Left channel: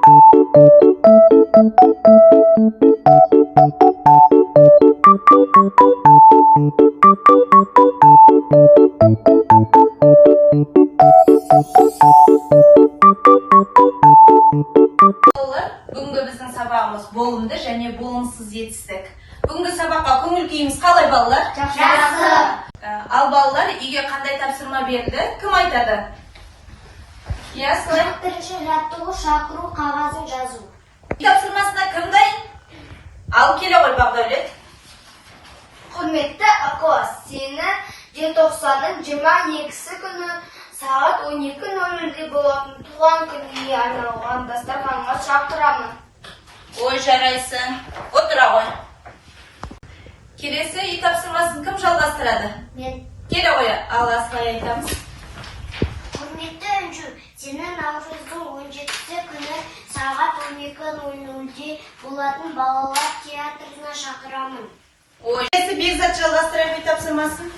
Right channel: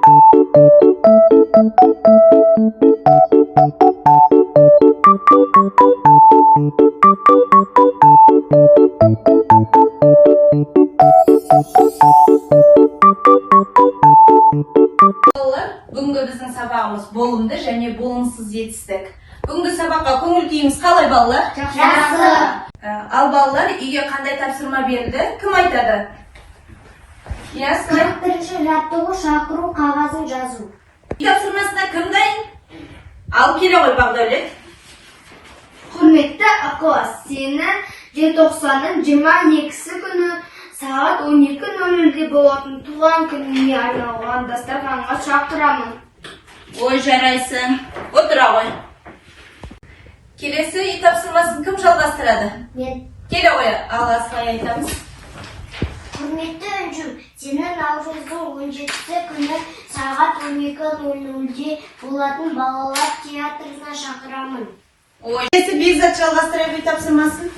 Бүгінгі біздің сабағымыз болымды және болымсыз жетістік. Бүгінгі сабаққа көңіл күйіңіз қалай, балалар? Жақсы. Ал балалар, үйге қандай тапсырма берді? Кім айтады? Ясно. Бірінші жаттығу шақыру қағазын жазу. Тапсырмасына кім дайын? Ал келе ғой, Бағдәулет. Құрметті класс, сені желтоқсанның 22-сі күні сағат 12:00-де болатын туған күніне арналған дастарханға шақырамын. Ой, жарайсың. Отыра ғой. Келесі үй тапсырмасын кім жалғастырады? Мен. Келе ғой, ал Асылай айтамыз. Құрметті Үнжу, сені наурыздың 17-сі күні сағат 12:00-де болатын балалар театрына шақырамын. Ой, келесі Бекзат жалғастырады үй тапсырмасын.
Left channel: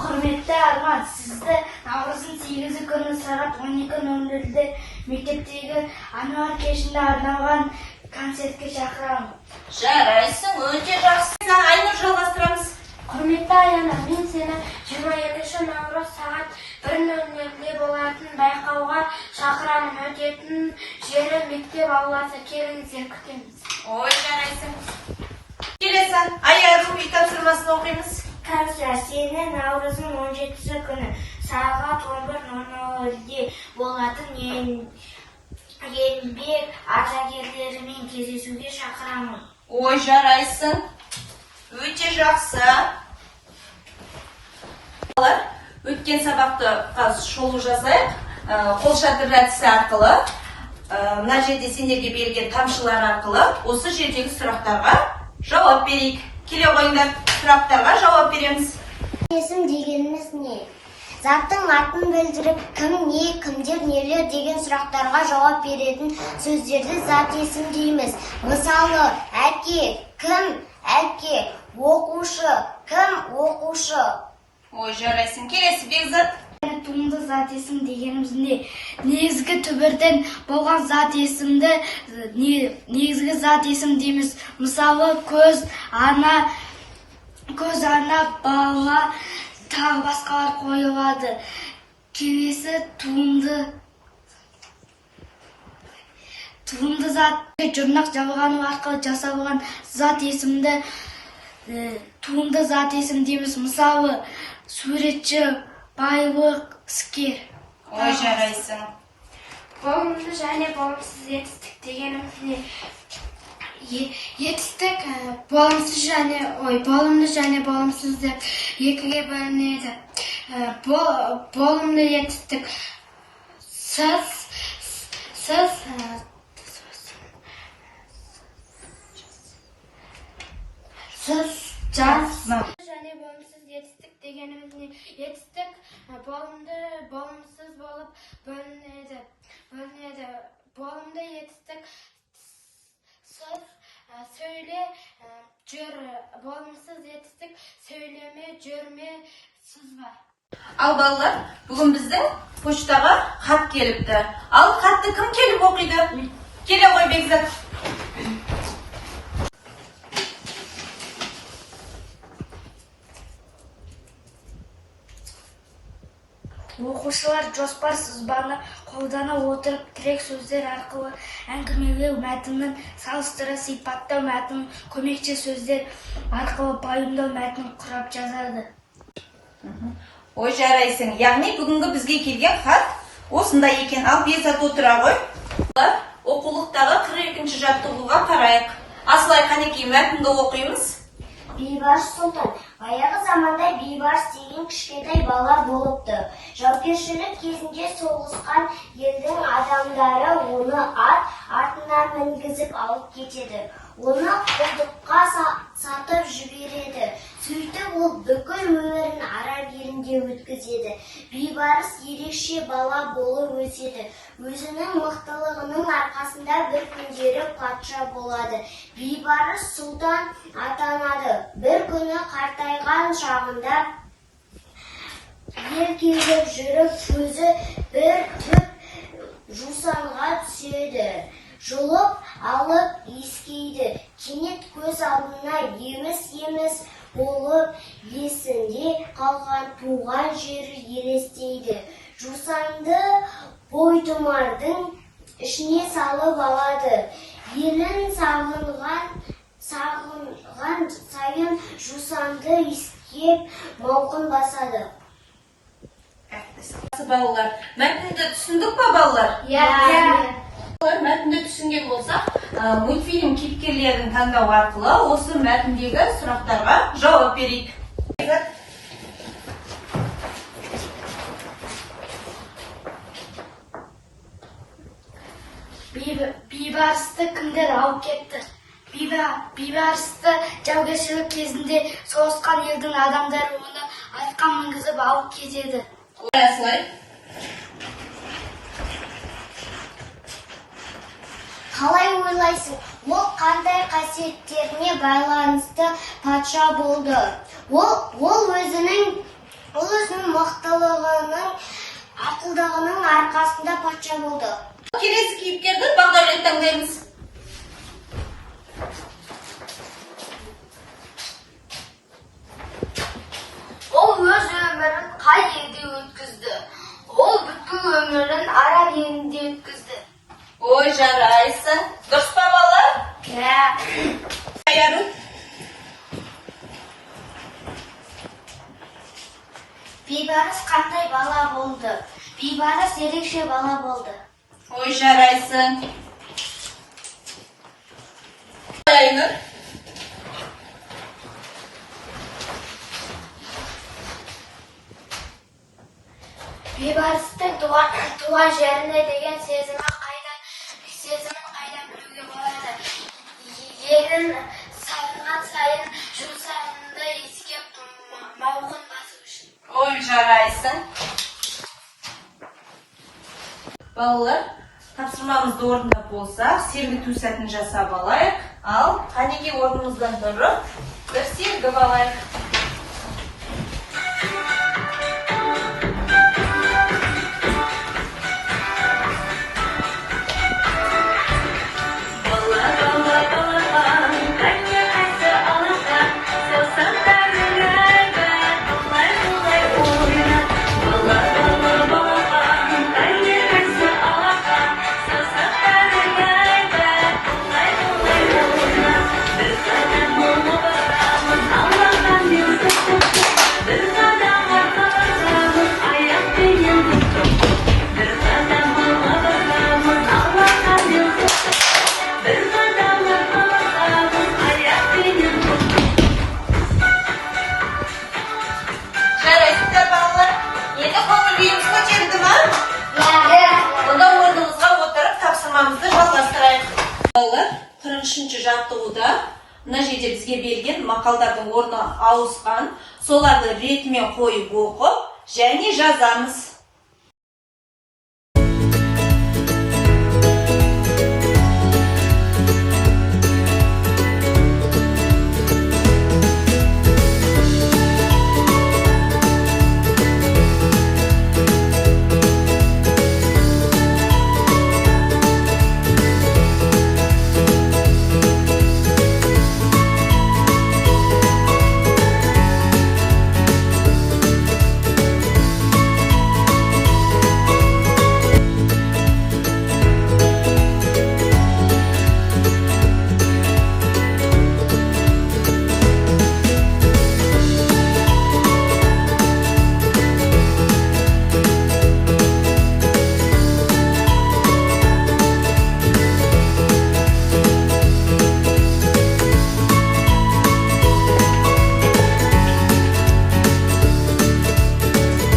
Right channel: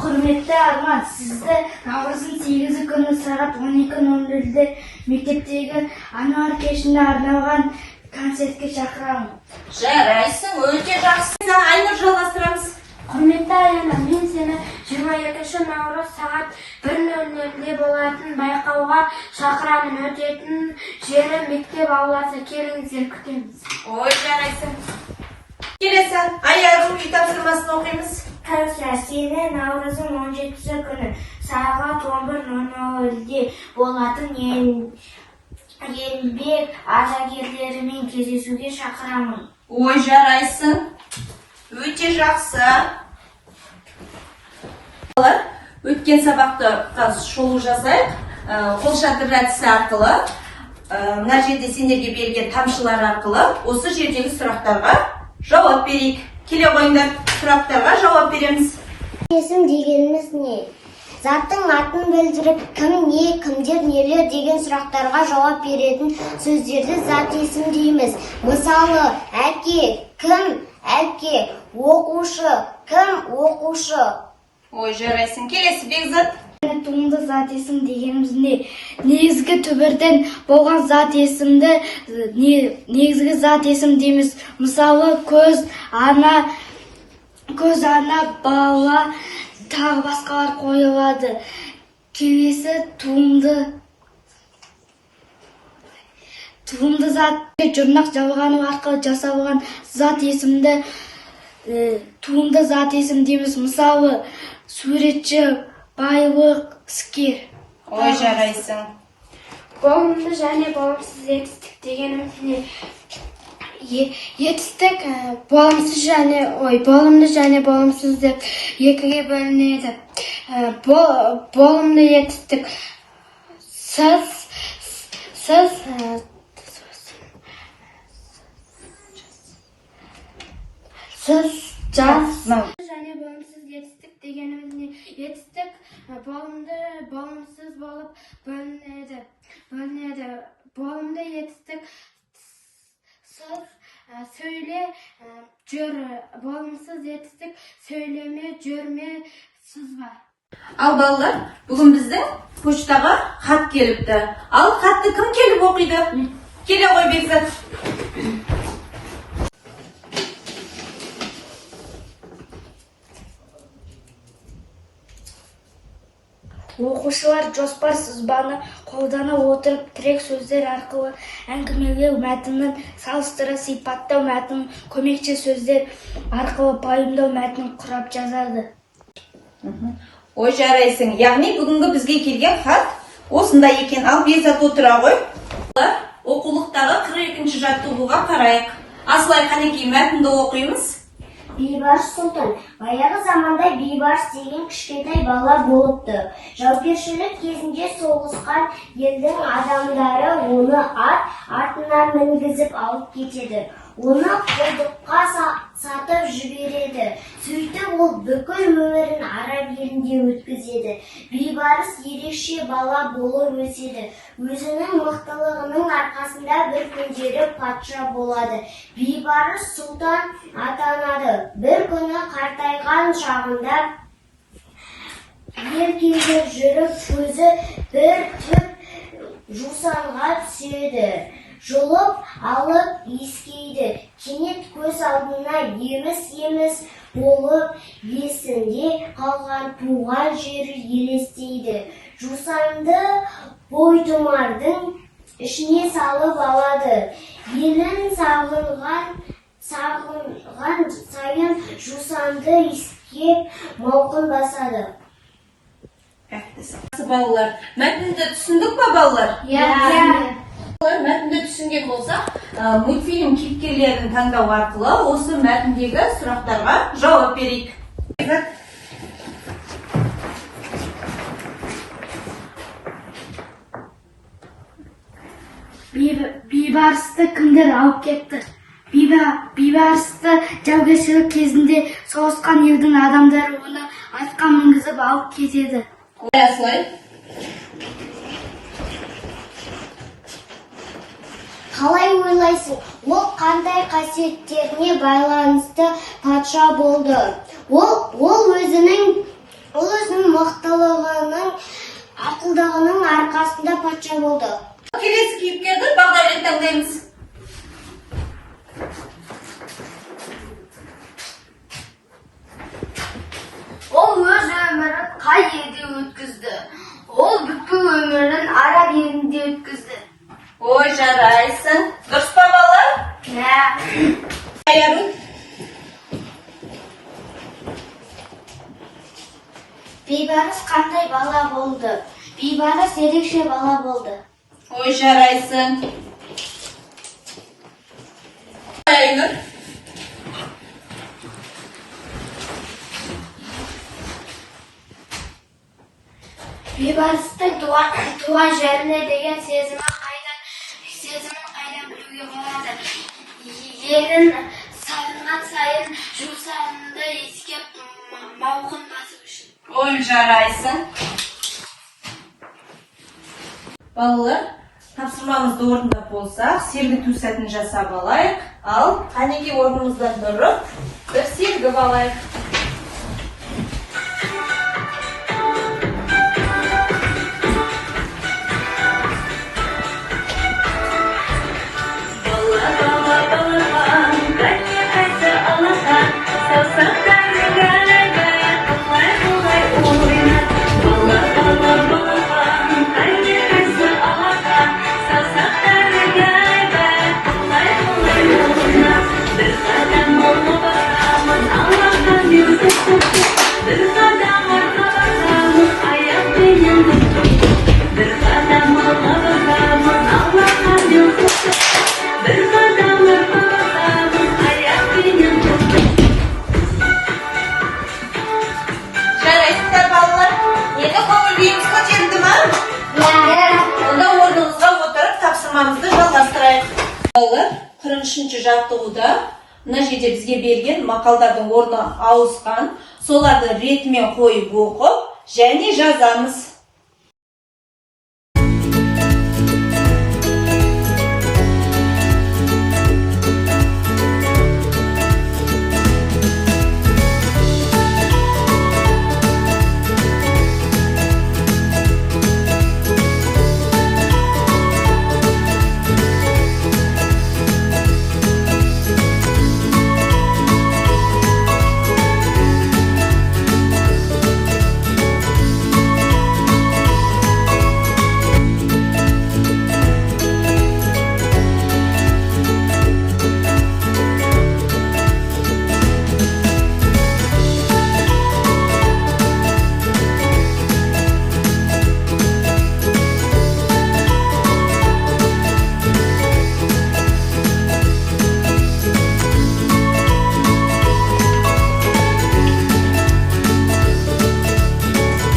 Құрметті Арман, сізді наурыздың 8-сі күні сағат 12:00-де мектептегі ануар кешіне арналған концертке шақырамын. Жарайсың, өте жақсы. Айнұр жалғастырамыз. Құрметті Аяна, мен сені 22 наурыз сағат 1:00-де болатын байқауға шақырамын. Өтетін жері мектеп ауласы, келіңіздер, күтеміз. Ой, жарайсың. Келесі Аягүл үй тапсырмасын оқимыз. Кәусар, сені наурыздың 17-сі күні сағат 11:00-де болатын еңбек ардагерлерімен кездесуге шақырамын. Ой, жарайсың. Өте жақсы. Өткен сабақты шолу жазайық. Қолшатыр әдісі арқылы, мына жерде сендерге берілген тамшылар арқылы осы жердегі сұрақтарға жауап берейік. Келе қойыңдар, сұрақтарға жауап береміз. Есім дегеніміз не? Заттың атын білдіріп, кім не, кімдер нелер деген сұрақтарға жауап беретін сөздерді зат есім дейміз. Мысалы, әке, кім, әке, оқушы, кім, оқушы. Ой, жарайсың. Келесі Бекзат. Туынды зат есім дегеніміз не? Негізгі түбірден болған зат есімді негізгі зат есім дейміз. Мысалы, көз, ана, бала, тағы басқалар қойылады. Келесі туынды зат жұрнақ жалғану арқылы жасалған зат есімді туынды зат есім дейміз. Мысалы, суретші, байлық, іскер. Ой, жарайсың. Болымды және болымсыз етістік дегеніміз не? Етістік болымды және болымсыз деп екіге бөлінеді. Болымды етістік жаз. Және болымсыз етістік дегеніміз не? Етістік болымды, болымсыз болып бөлінеді. Болымды етістік сөйле, жүр. Болымсыз етістік сөйлеме, жүрме, сызба. Ал балалар, бүгін біздің почтаға хат келіпті. Ал хатты кім келіп оқиды? Келе ғой, Бекзат. Оқушылар жоспар сызбаны қолдана отырып тірек сөздер арқылы әңгімелеу мәтінін салыстыра сипаттау мәтінін көмекші сөздер арқылы пайымдау мәтінін құрап жазады. Ой, жарайсың. Яғни бүгінгі бізге келген хат осындай екен. Ал Бекзат отыра ғой. Оқулықтағы 42-ші жаттығуға қарайық. Асылай Қанекей мәтінді оқимыз. Бейбарыс Сұлтан. Баяғы заманда бейбарыс деген кішкентай бала болыпты. Жаугершілік кезінде соғысқан елдің адамдары оны артынан мінгізіп алып кетеді. Оны құлдыққа сатып жібереді. Сөйтіп ол бүкіл өмірін араб елінде өткізеді. Бейбарыс ерекше бала болып өседі. Өзінің мықтылығының арқасында бір күндері патша болады. Бейбарыс сұлтан атанады. Bir күні қартайған шағында ер кезіп жүріп көзі бір түп жусанға түседі. жұлып алып иіскейді. Кенет көз алдына еміс-еміс болып есінде қалған туған жері елестейді. Жусанды бойтұмардың ішіне салып алады. Елін сағынған сайын жусанды иіскеп мауқын басады. Балалар, мәтінді түсіндік па балалар? Мәтінді түсінген болсақ, мультфильм кейіпкерлерін таңдау арқылы осы мәтіндегі сұрақтарға жауап берейік. Бейбарысты кімдер алып кетті? Бейбарысты жаугершілік кезінде соғысқан елдің адамдары оны атқа мінгізіп алып кетеді. Қалай ойлайсың, ол қандай қасиеттеріне байланысты патша болды? Ол өзінің мықтылығының, ақылдығының арқасында патша болды. Келесі кейіпкерді Бағдәулет таңдаймыз. Ол өз өмірін қай елде өткізді? Ол бүкіл өмірін араб елінде өткізді. Ой, жарайсың. Дұрыс па балалар? Бейбарыс қандай бала болды? Бейбарыс ерекше бала болды. Ой, жарайсың. Айнұр. Бейбарыстың туған жеріне деген сезімін қайдан білуге болады? Елін сағынған сайын жусанды иіскеп мауқын басып үшін. Ой, жарайсың. Балалар, тапсырмамызды орындап болсақ, сергіту сәтін жасап алайық. Ал қанеге орнымыздан тұрып, бір сергіп алайық. Жаттығуда мына жерде бізге берген мақалдардың орны ауысқан, соларды ретімен қойып оқып және жазамыз.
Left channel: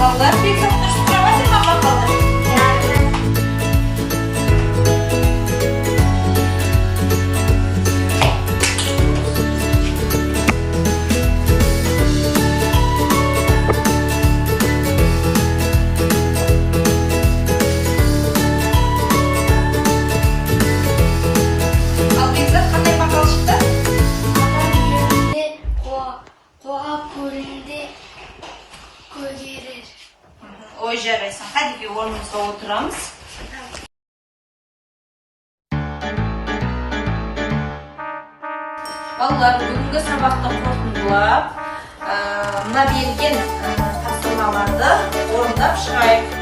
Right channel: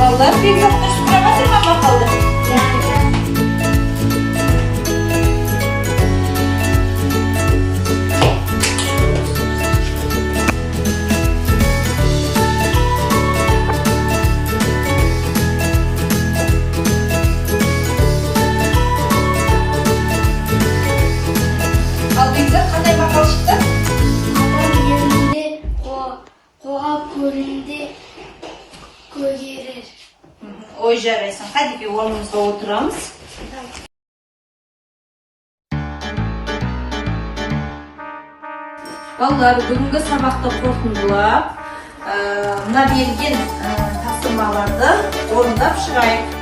Балалар, bir çok sıraması mı bakalım? Al bizde qanday maqol chiqdi? Адам yerінде, қоға көрінде көгерер. Ой, жарайсың. Hadi bir орнымызға отырамыз. Балалар, бүгінгі сабақты қорытындылап, мына берген тапсырмаларды орындап шығайық.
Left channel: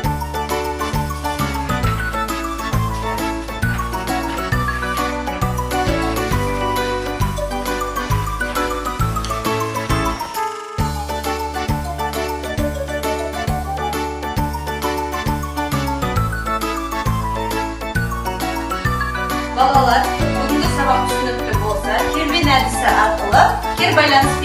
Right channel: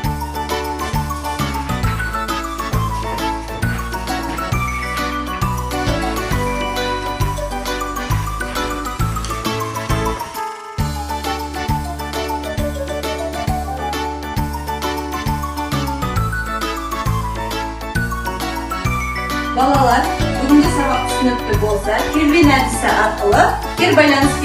Балалар, бүгінгі сабақ түсінікті болса, кербен әдісі арқылы кері байланыс